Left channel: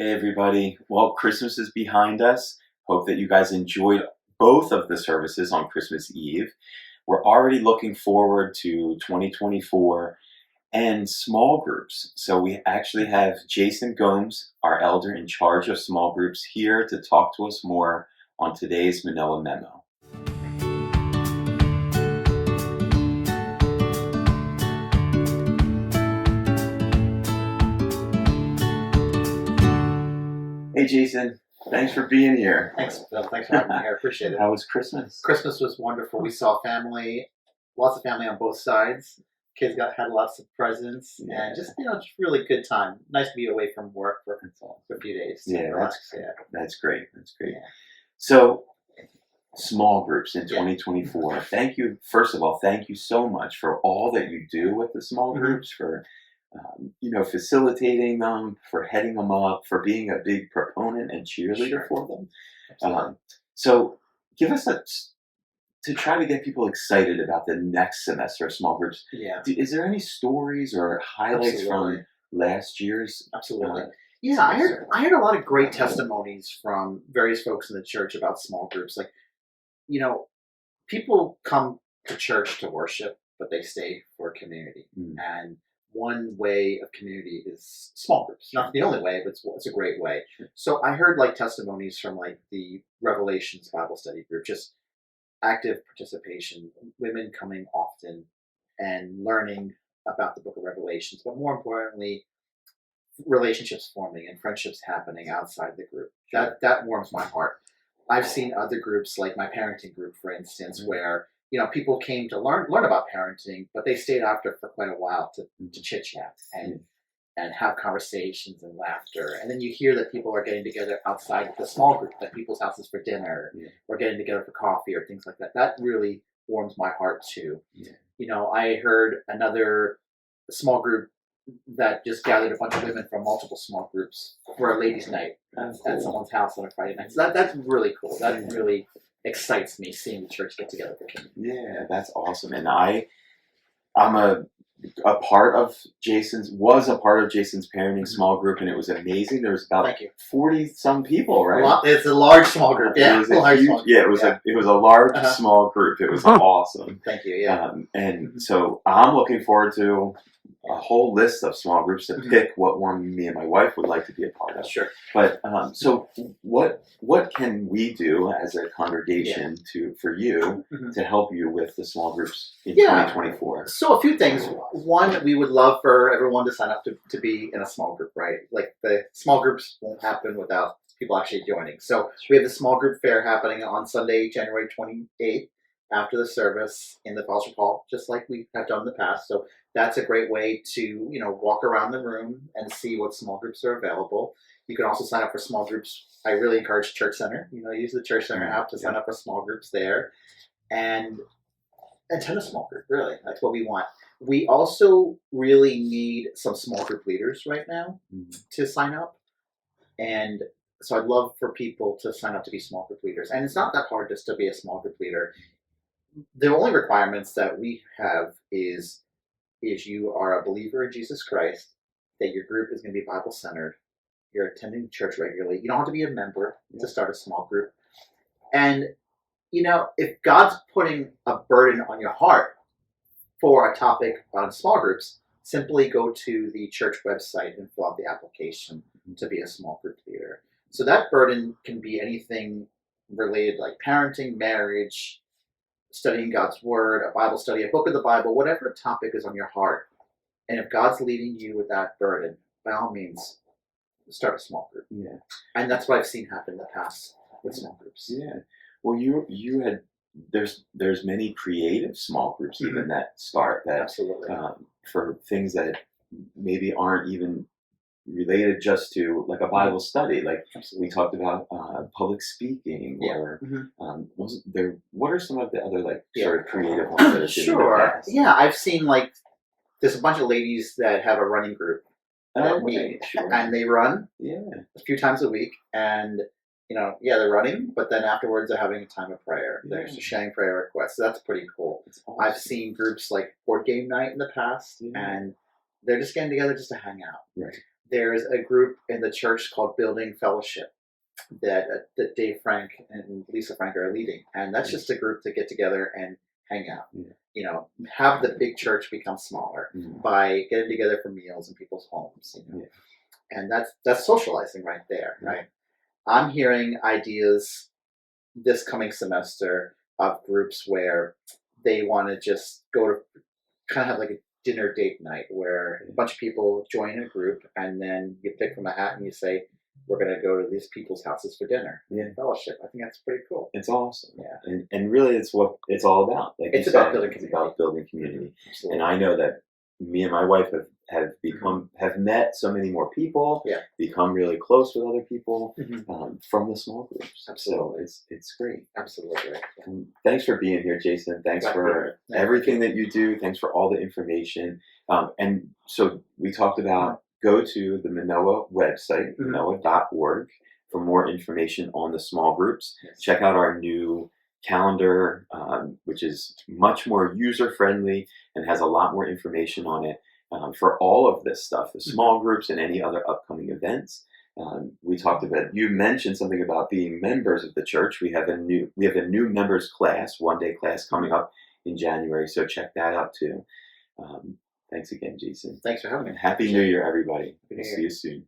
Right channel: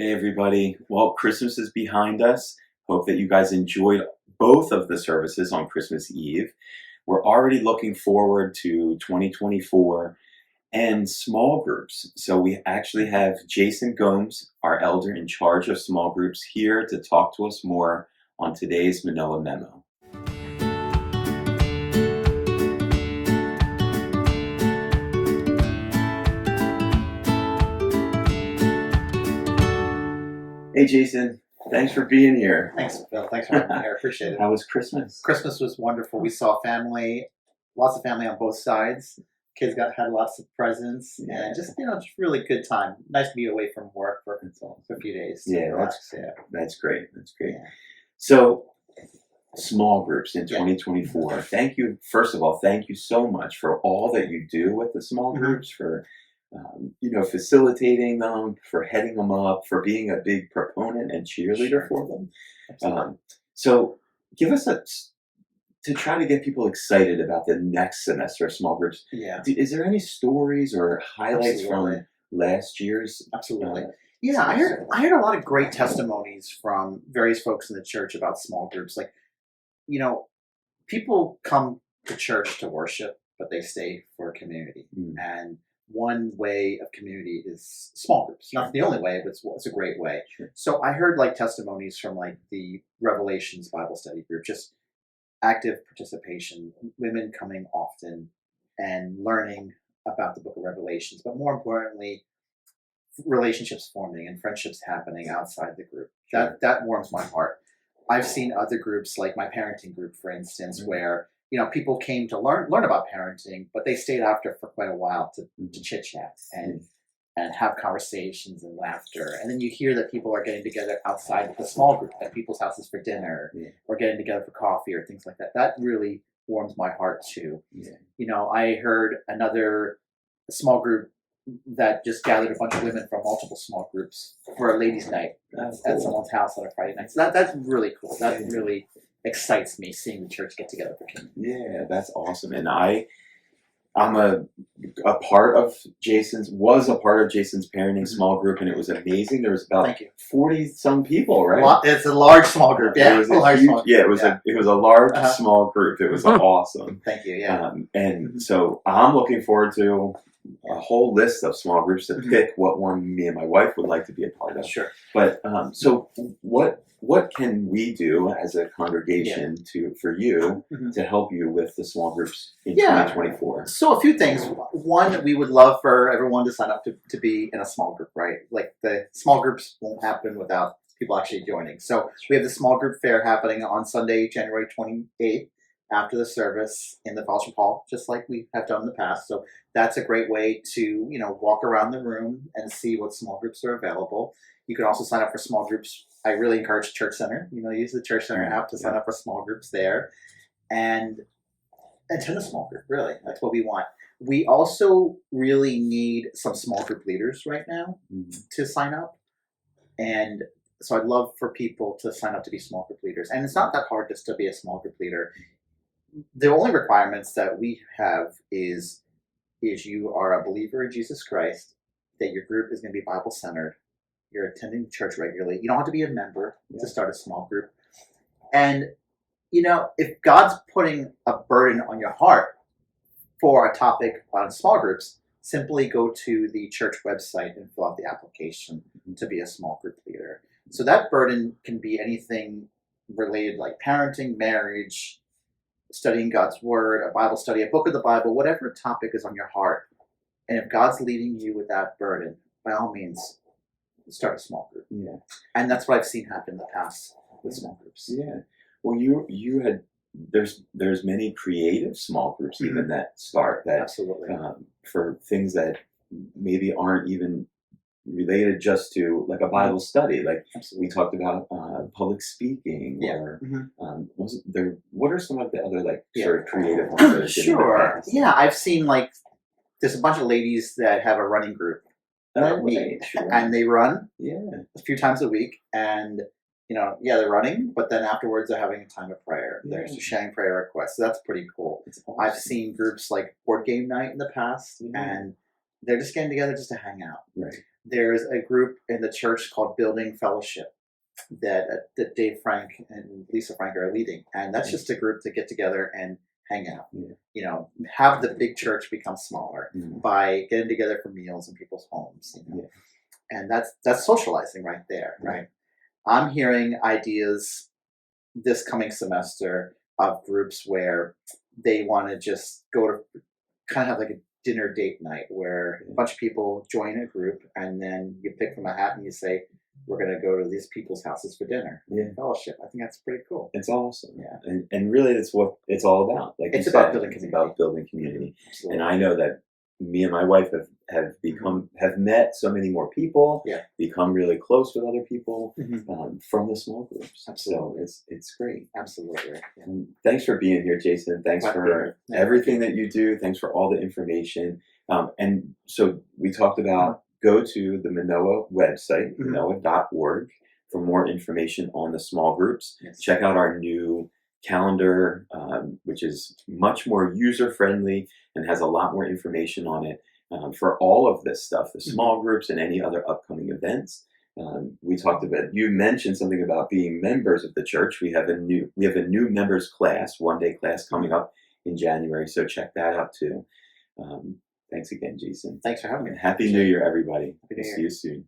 Hey everybody. Well, Christmas is behind us. Hope that you guys enjoyed both of the services on Christmas Eve. We're already looking forward to 2024 and small groups. So we actually have Jason Gomes, our elder in charge of small groups, here to talk to us more on today's Manoa Memo. Hey Jason, thanks for being here. Thanks, Bill. Thanks for having me here. Appreciate it. How was Christmas? Christmas was wonderful. We saw family, lots of family on both sides. Kids had lots of presents, and just really good time. Nice to be away from work for a few days. That's great. That's great. Yeah. So, small groups in 2024. Thank you. First of all, thank you so much for all that you do with the small groups, for facilitating them, for heading them up, for being a big proponent and cheerleader for them. So, give us to try to get people excited about the next semester of small groups. Yeah. Is there any stories or highlights from last year's? Absolutely. I heard a lot of great testimonies from various folks in the church about small groups. Like, people come to church to worship, but they stay for community. And one way of community is small groups. Not the only way, but it's a great way. Sure. So I heard testimonies from the Revelations Bible study group, just active participation, women coming often and learning about the book of Revelations, but more importantly, relationships forming and friendships happening outside the group. That warms my heart. I've seen other groups, like my parenting group, for instance, where people came to learn about parenting, but they stayed after for quite a while to chit chat and have conversations and laughter. And then you hear that people are getting together outside the small group at people's houses for dinner, or getting together for coffee or things like that. That really warms my heart too. I heard another small group that just gathered a bunch of women from multiple small groups for a ladies' night at someone's house on a Friday night. So that's really cool. That really excites me, seeing the church get together for community. Yeah, that's awesome. And I'm a part of Jason's parenting small group, and it was amazing. There was about 40 some people, right? It's a large small group. Yeah, it was a large small group. It was awesome. Thank you. Yeah. And so I'm looking forward to a whole list of small groups to pick what one me and my wife would like to be a part of. Sure. But so what can we do as a congregation for you to help you with the small groups in 2024? So a few things. One, we would love for everyone to sign up to be in a small group, right? Like, the small groups won't happen without people actually joining. So we have the small group fair happening on Sunday, January 28th, after the service in the fellowship hall, just like we have done in the past. So that's a great way to, walk around the room and see what small groups are available. You can also sign up for small groups. I really encourage Church Center. Use the Church Center app to sign up for small groups there. And attend a small group, really. That's what we want. We also really need some small group leaders right now to sign up. And so I'd love for people to sign up to be small group leaders. And it's not that hard just to be a small group leader. The only requirements that we have is you are a believer in Jesus Christ, that your group is going to be Bible-centered, you're attending church regularly. You don't have to be a member to start a small group. And, if God's putting a burden on your heart for a topic on small groups, simply go to the church website and fill out the application to be a small group leader. So that burden can be anything related, like parenting, marriage, studying God's word, a Bible study, a book of the Bible, whatever topic is on your heart. And if God's leading you with that burden, by all means, start a small group. Yeah. And that's what I've seen happen in the past with small groups. Yeah. Well, you had there's many creative small groups even that start that absolutely for things that maybe aren't even related just to like a Bible study. Like we talked about public speaking or wasn't there, what are some of the other sort of creative ones that Sure. Yeah, I've seen there's a bunch of ladies that have a running group that meet and they run a few times a week, and they're running, but then afterwards they're having a time of prayer. They're sharing prayer requests. So that's pretty cool. Awesome. I've seen groups like Board Game Night in the past, and they're just getting together just to hang out. Right. there's a group in the church called Building Fellowship that Dave Frank and Lisa Frank are leading, and that's just a group to get together and hang out. Yeah. You know, have the big church become smaller by getting together for meals in people's homes. You know, and that's socializing right there, right? I'm hearing ideas this coming semester of groups where they want to just go to kind of have like a dinner date night where a bunch of people join a group and then you pick from a hat and you say, we're going to go to these people's houses for dinner. Fellowship. I think that's pretty cool. It's awesome. Yeah. And really it's what it's all about. Like it's you about said, building it's community. about building community. Absolutely. And I know that me and my wife have met so many more people, become really close with other people from the small groups. Absolutely. So it's great. Absolutely. Yeah. And thanks for being here, Jason. Thanks for everything that you do. Thanks for all the information. And so we talked about go to the Manoa website, manoa.org, for more information on the small groups. Check out our new calendar, which is much more user-friendly and has a lot more information on it for all of this stuff, the small groups and any other upcoming events. We talked about, you mentioned something about being members of the church. We have a new members class, one-day class coming up in January, so check that out too. Thanks again, Jason. Thanks for having me. And Happy New Year, everybody. We'll see you soon.